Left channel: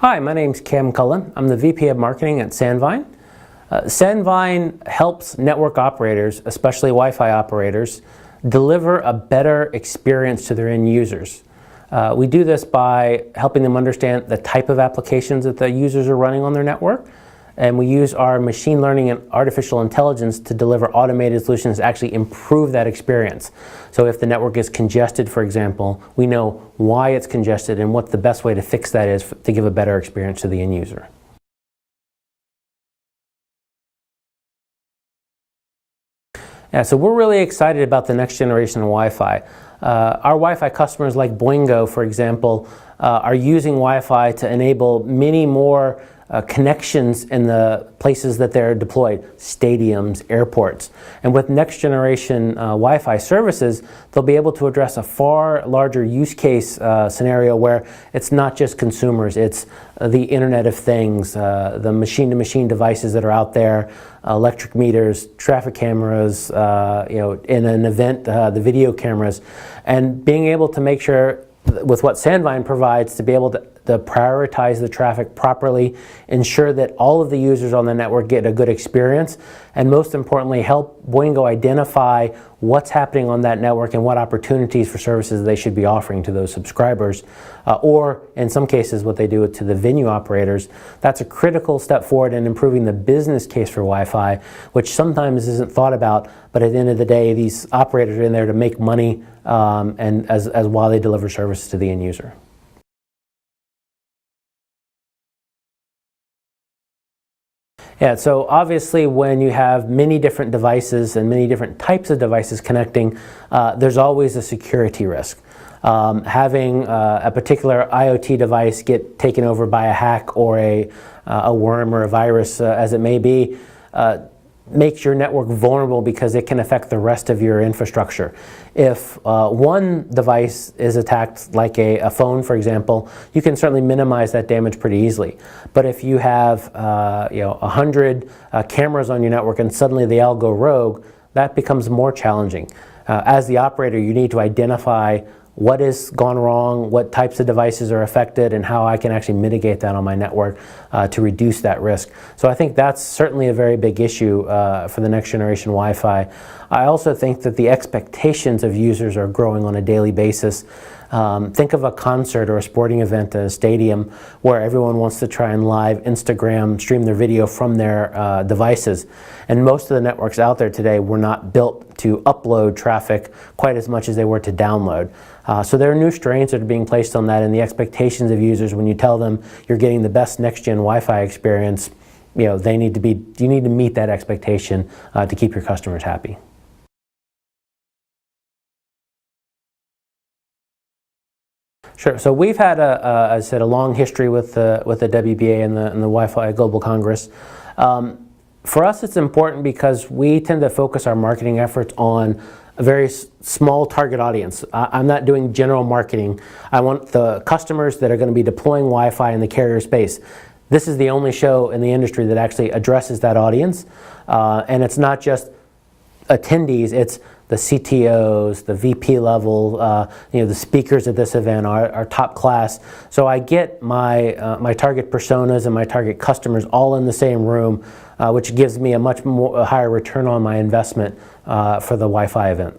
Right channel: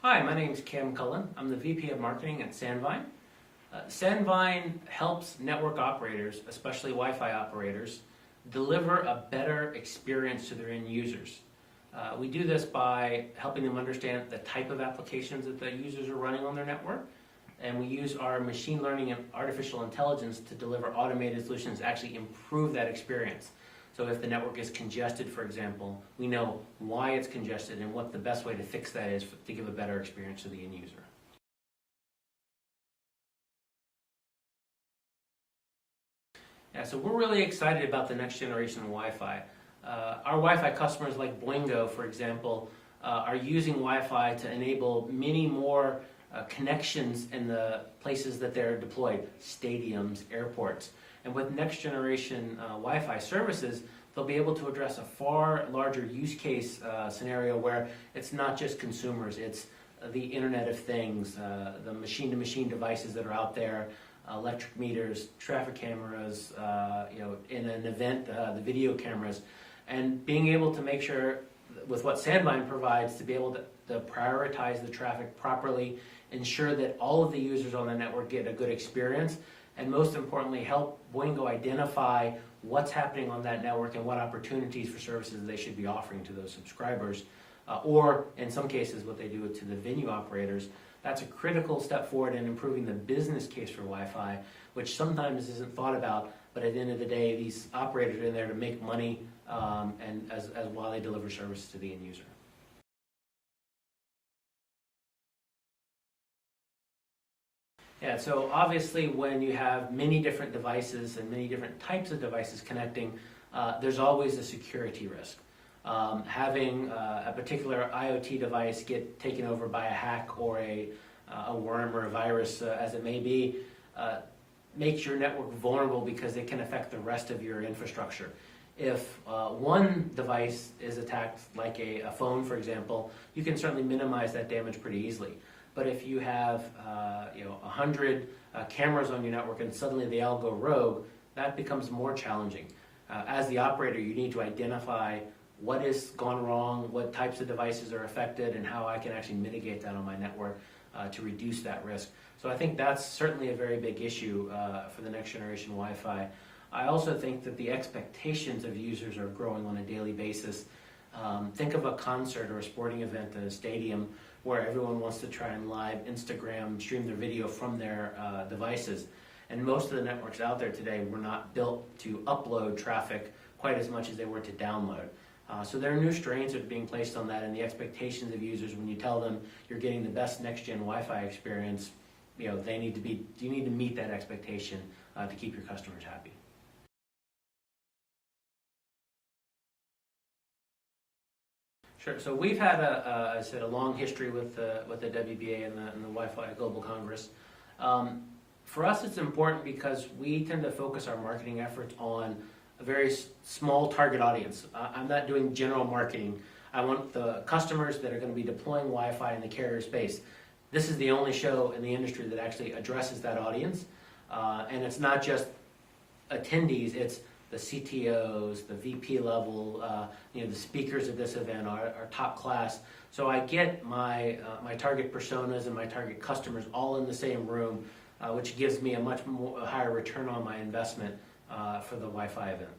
Hi, my name's Cam Cullen. I'm the VP of Marketing at Sandvine. Sandvine helps network operators, especially Wi-Fi operators, deliver a better experience to their end users. We do this by helping them understand the type of applications that the users are running on their network, and we use our machine learning and artificial intelligence to deliver automated solutions to actually improve that experience. So if the network is congested, for example, we know why it's congested and what the best way to fix that is to give a better experience to the end user. Yeah, so we're really excited about the next generation of Wi-Fi. Our Wi-Fi customers like Boingo, for example, are using Wi-Fi to enable many more connections in the places that they're deployed, stadiums, airports. And with next generation Wi-Fi services, they'll be able to address a far larger use case scenario where it's not just consumers, it's the Internet of Things, the machine-to-machine devices that are out there, electric meters, traffic cameras, in an event, the video cameras, and being able to make sure with what Sandvine provides to be able to prioritize the traffic properly, ensure that all of the users on the network get a good experience, and most importantly, help Boingo identify what's happening on that network and what opportunities for services they should be offering to those subscribers, or in some cases what they do to the venue operators. That's a critical step forward in improving the business case for Wi-Fi, which sometimes isn't thought about, but at the end of the day, these operators are in there to make money and as while they deliver services to the end user. Yeah, so obviously when you have many different devices and many different types of devices connecting, there's always a security risk. Having a particular IoT device get taken over by a hack or a worm or a virus, as it may be, makes your network vulnerable because it can affect the rest of your infrastructure. If one device is attacked, like a phone, for example, you can certainly minimize that damage pretty easily. But if you have 100 cameras on your network and suddenly they all go rogue, that becomes more challenging. As the operator, you need to identify what has gone wrong, what types of devices are affected, and how I can actually mitigate that on my network to reduce that risk. So I think that's certainly a very big issue for the next generation Wi-Fi. I also think that the expectations of users are growing on a daily basis. Think of a concert or a sporting event at a stadium where everyone wants to try and live Instagram, stream their video from their devices. And most of the networks out there today were not built to upload traffic quite as much as they were to download. So there are new strains that are being placed on that, and the expectations of users when you tell them you're getting the best next-gen Wi-Fi experience, you need to meet that expectation to keep your customers happy. Sure. So we've had, as I said, a long history with the WBA and the Wi-Fi Global Congress. For us, it's important because we tend to focus our marketing efforts on a very small target audience. I'm not doing general marketing. I want the customers that are going to be deploying Wi-Fi in the carrier space. This is the only show in the industry that actually addresses that audience. And it's not just attendees, it's the CTOs, the VP level, the speakers at this event are top class. So I get my target personas and my target customers all in the same room, which gives me a much higher return on my investment for the Wi-Fi event.